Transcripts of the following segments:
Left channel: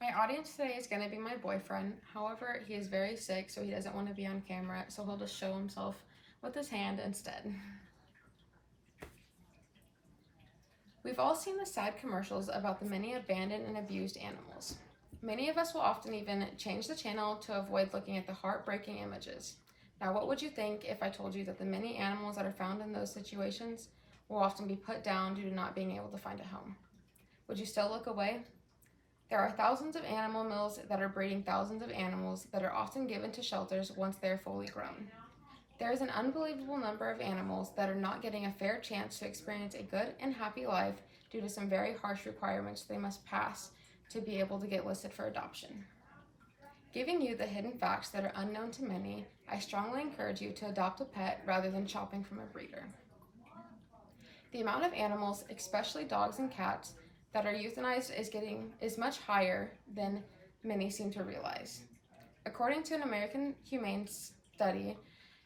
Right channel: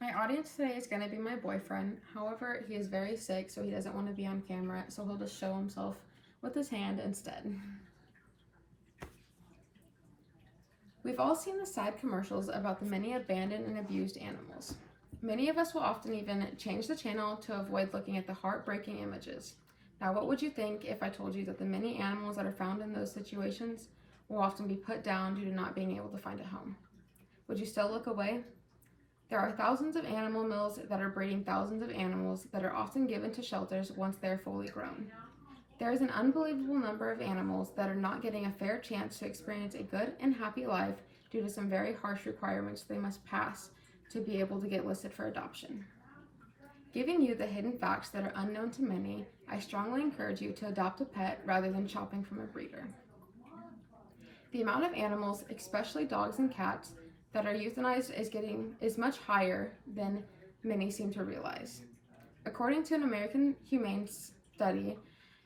My audience today is going to be my boyfriend. However, he is very sick, so he doesn't want to be on camera, so he'll just show himself with his hand instead. We've all seen the sad commercials about the many abandoned and abused animals. Many of us will often even change the channel to avoid looking at the heartbreaking images. Now, what would you think if I told you that the many animals that are found in those situations will often be put down due to not being able to find a home? Would you still look away? There are thousands of animal mills that are breeding thousands of animals that are often given to shelters once they are fully grown. There is an unbelievable number of animals that are not getting a fair chance to experience a good and happy life due to some very harsh requirements they must pass to be able to get listed for adoption. Giving you the hidden facts that are unknown to many, I strongly encourage you to adopt a pet rather than shopping from a breeder. The amount of animals, especially dogs and cats, that are euthanized is much higher than many seem to realize. According to an American Humane study,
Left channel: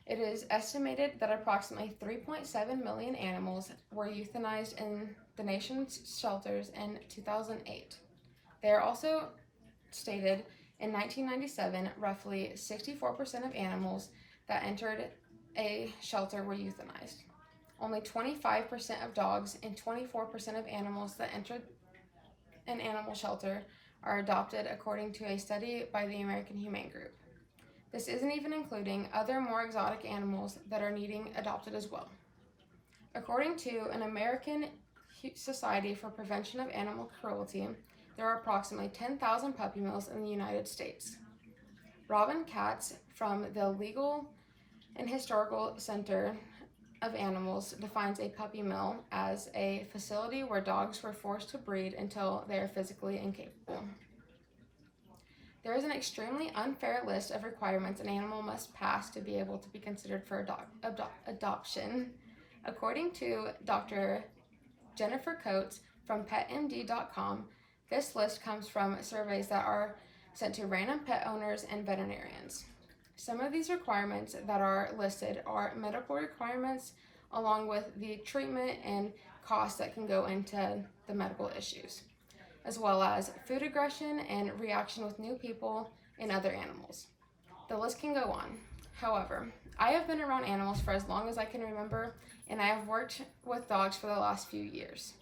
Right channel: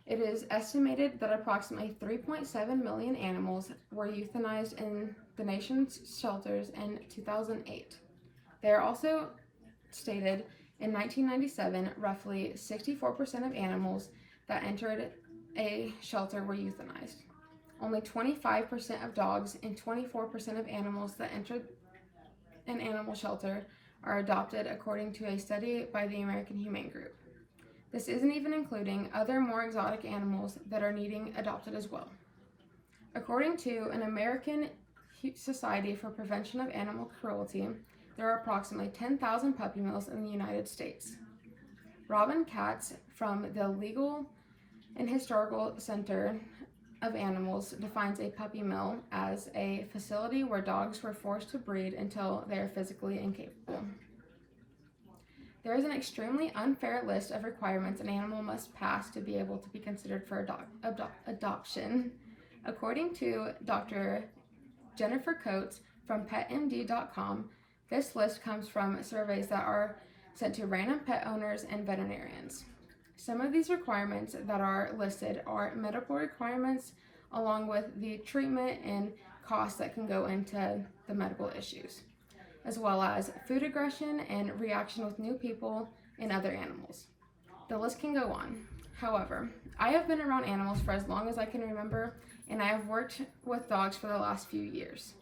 it is estimated that approximately 3.7 million animals were euthanized in the nation's shelters in 2008. They are also stated in 1997, roughly 64% of animals that entered a shelter were euthanized. Only 25% of dogs and 24% of animals that entered an animal shelter are adopted, according to a study by the American Humane Group. This isn't even including other more exotic animals that are needing adopted as well. According to an American Society for Prevention of Animal Cruelty, there are approximately 10,000 puppy mills in the United States. Robin Katz from the Legal and Historical Center of Animals defines a puppy mill as a facility where dogs were forced to breed until they are physically incapable. There is an extremely unfair list of requirements an animal must pass to be able to be considered for adoption. According to Dr. Jennifer Coates from PetMD.com, this list comes from surveys that are sent to random pet owners and veterinarians. Some of these requirements that are listed are medical requirements, along with the treatment and costs that can go into the medical issues, as well as food aggression and reaction with new people and other animals. The list can go on. However, I have been around animals for as long as I can remember, and I have worked with dogs for the last few years.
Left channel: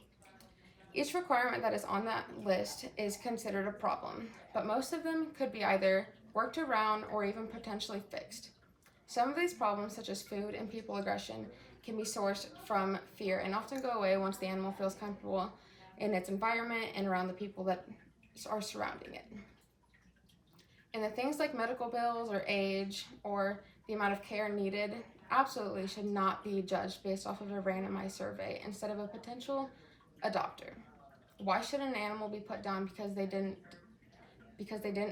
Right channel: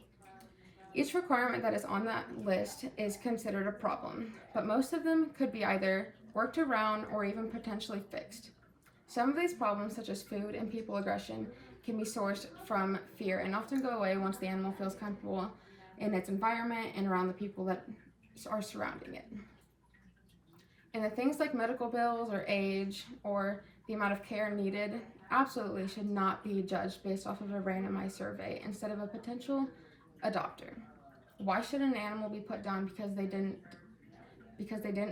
Each requirement that is on that list is considered a problem, but most of them could be either worked around or even potentially fixed. Some of these problems, such as food and people aggression, can be sourced from fear and often go away once the animal feels comfortable in its environment and around the people that are surrounding it. And the things like medical bills or age or the amount of care needed absolutely should not be judged based off of a randomized survey instead of a potential adopter. Why should an animal be put down because they didn't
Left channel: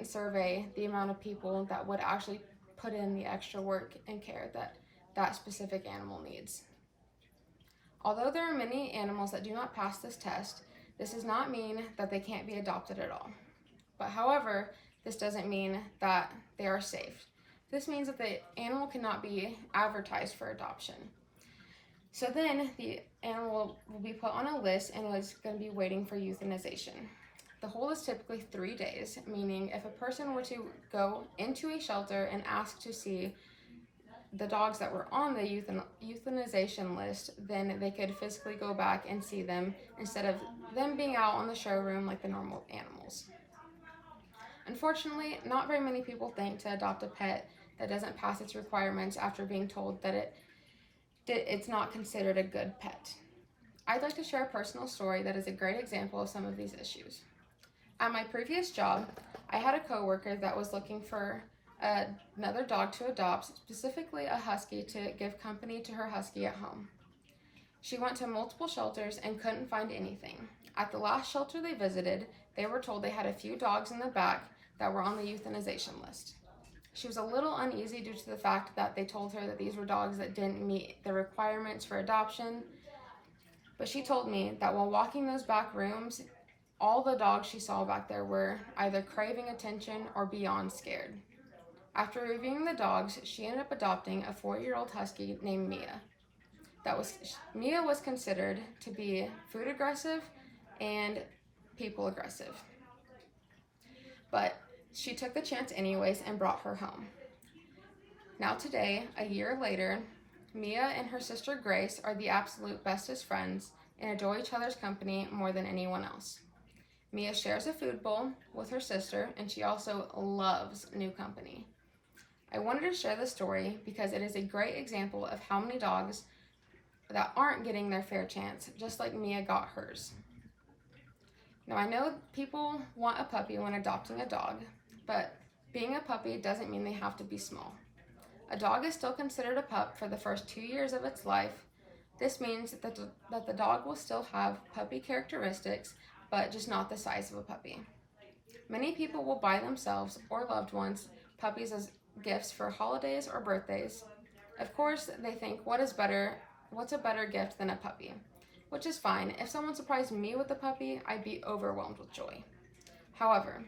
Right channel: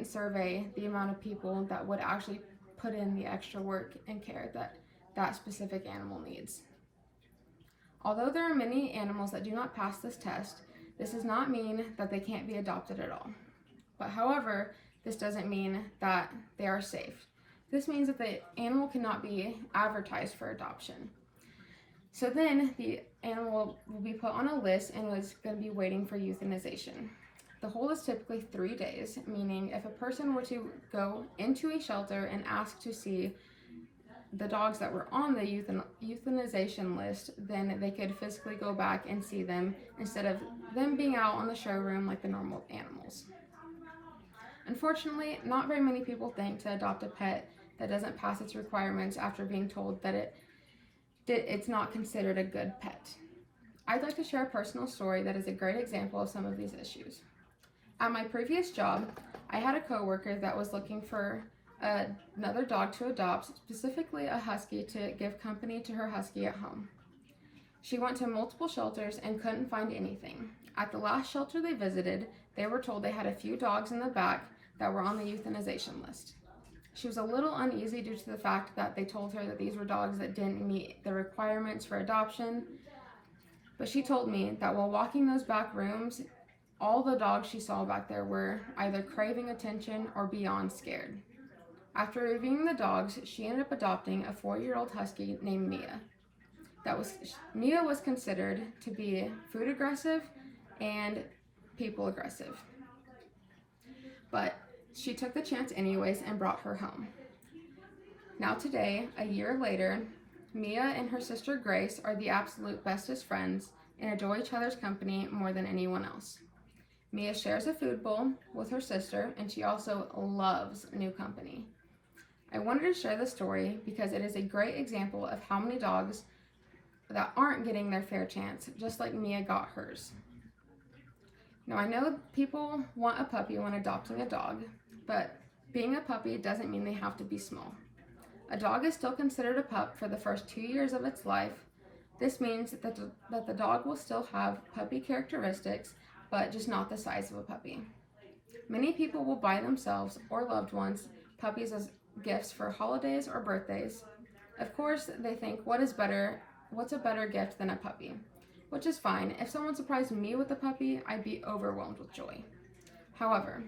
survey the amount of people that would actually put in the extra work and care that that specific animal needs? Although there are many animals that do not pass this test, this does not mean that they can't be adopted at all. But however, this doesn't mean that they are safe. This means that the animal cannot be advertised for adoption. So then the animal will be put on a list and is going to be waiting for euthanization. The hold is typically 3 days, meaning if a person were to go into a shelter and ask to see the dogs that were on the euthanization list, then they could physically go back and see them instead of them being out on the showroom like the normal animals. Unfortunately, not very many people think to adopt a pet that doesn't pass its requirements after being told that it's not considered a good pet. I'd like to share a personal story that is a great example of some of these issues. At my previous job, I had a coworker that was looking for another dog to adopt, specifically a husky, to give company to her husky at home. She went to multiple shelters and couldn't find anything. At the last shelter they visited, they were told they had a few dogs in the back that were on the euthanization list. She was a little uneasy due to the fact that they told her that these were dogs that didn't meet the requirements for adoption, but she told me that while walking those back rooms, all the dogs she saw back there were either craving attention or beyond scared. After reviewing the dogs, she ended up adopting a 4-year-old husky named Mia. Mia was considered to be food aggressive and people aggressive. but she took the chance anyways and brought her home. Now today, a year later, Mia and her sister Grace are the absolute bestest friends and adore each other's company more than anyone else. Mia shares a food bowl with her sister, and she also loves new company. I wanted to share this story because it is a great example of how many dogs that aren't getting their fair chance, just like Mia got hers. Now, I know people want a puppy when adopting a dog, but being a puppy doesn't mean they have to be small. A dog is still considered a pup for the first 2 years of its life. This means that the dog will still have puppy characteristics, but just not the size of a puppy. Many people will buy themselves or loved ones puppies as gifts for holidays or birthdays. Of course, they think, what's a better gift than a puppy? Which is fine. If someone surprised me with a puppy, I'd be overwhelmed with joy. However,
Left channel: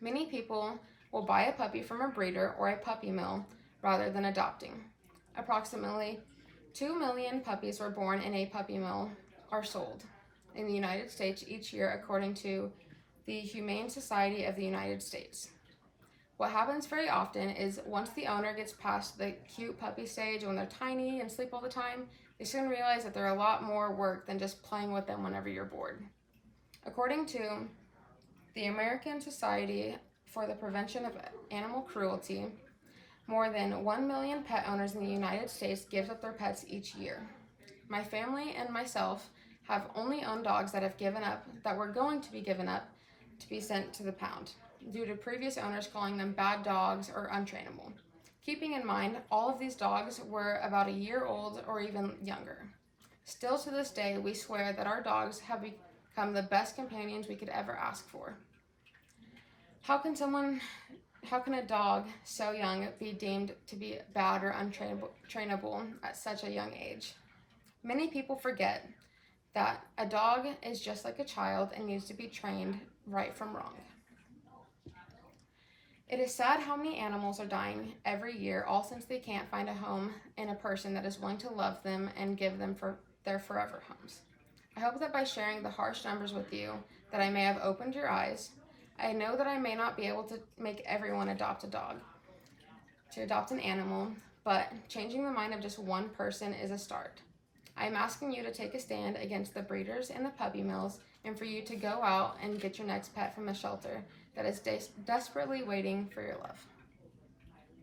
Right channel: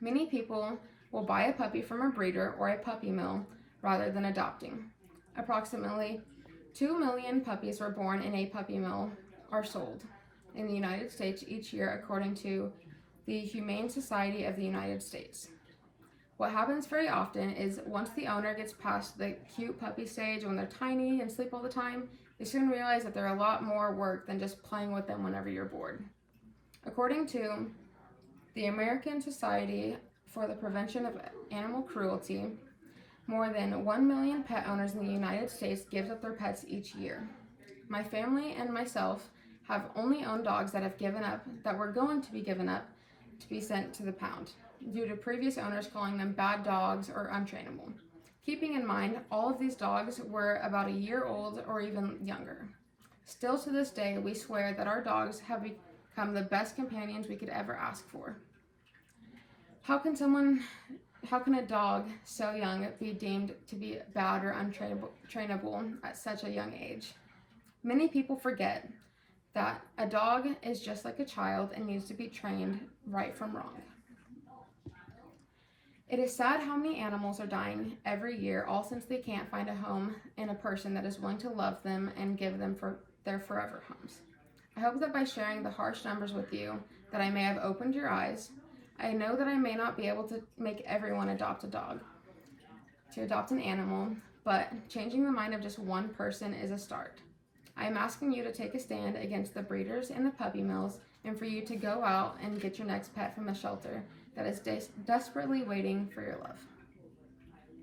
many people will buy a puppy from a breeder or a puppy mill rather than adopting. Approximately 2 million puppies were born in a puppy mill are sold in the United States each year, according to the Humane Society of the United States. What happens very often is once the owner gets past the cute puppy stage when they're tiny and sleep all the time, they soon realize that they're a lot more work than just playing with them whenever you're bored. According to the American Society for the Prevention of Animal Cruelty, more than 1 million pet owners in the United States gives up their pets each year. My family and myself have only owned dogs that were going to be given up to be sent to the pound, due to previous owners calling them bad dogs or untrainable. Keeping in mind, all of these dogs were about a year old or even younger. Still to this day, we swear that our dogs have become the best companions we could ever ask for. How can a dog so young be deemed to be bad or untrainable at such a young age? Many people forget that a dog is just like a child and needs to be trained right from wrong. It is sad how many animals are dying every year, all since they can't find a home in a person that is willing to love them and give them their forever homes. I hope that by sharing the harsh numbers with you, that I may have opened your eyes. I know that I may not be able to make everyone adopt an animal, but changing the mind of just one person is a start. I am asking you to take a stand against the breeders and the puppy mills, and for you to go out and get your next pet from a shelter that is desperately waiting for your love.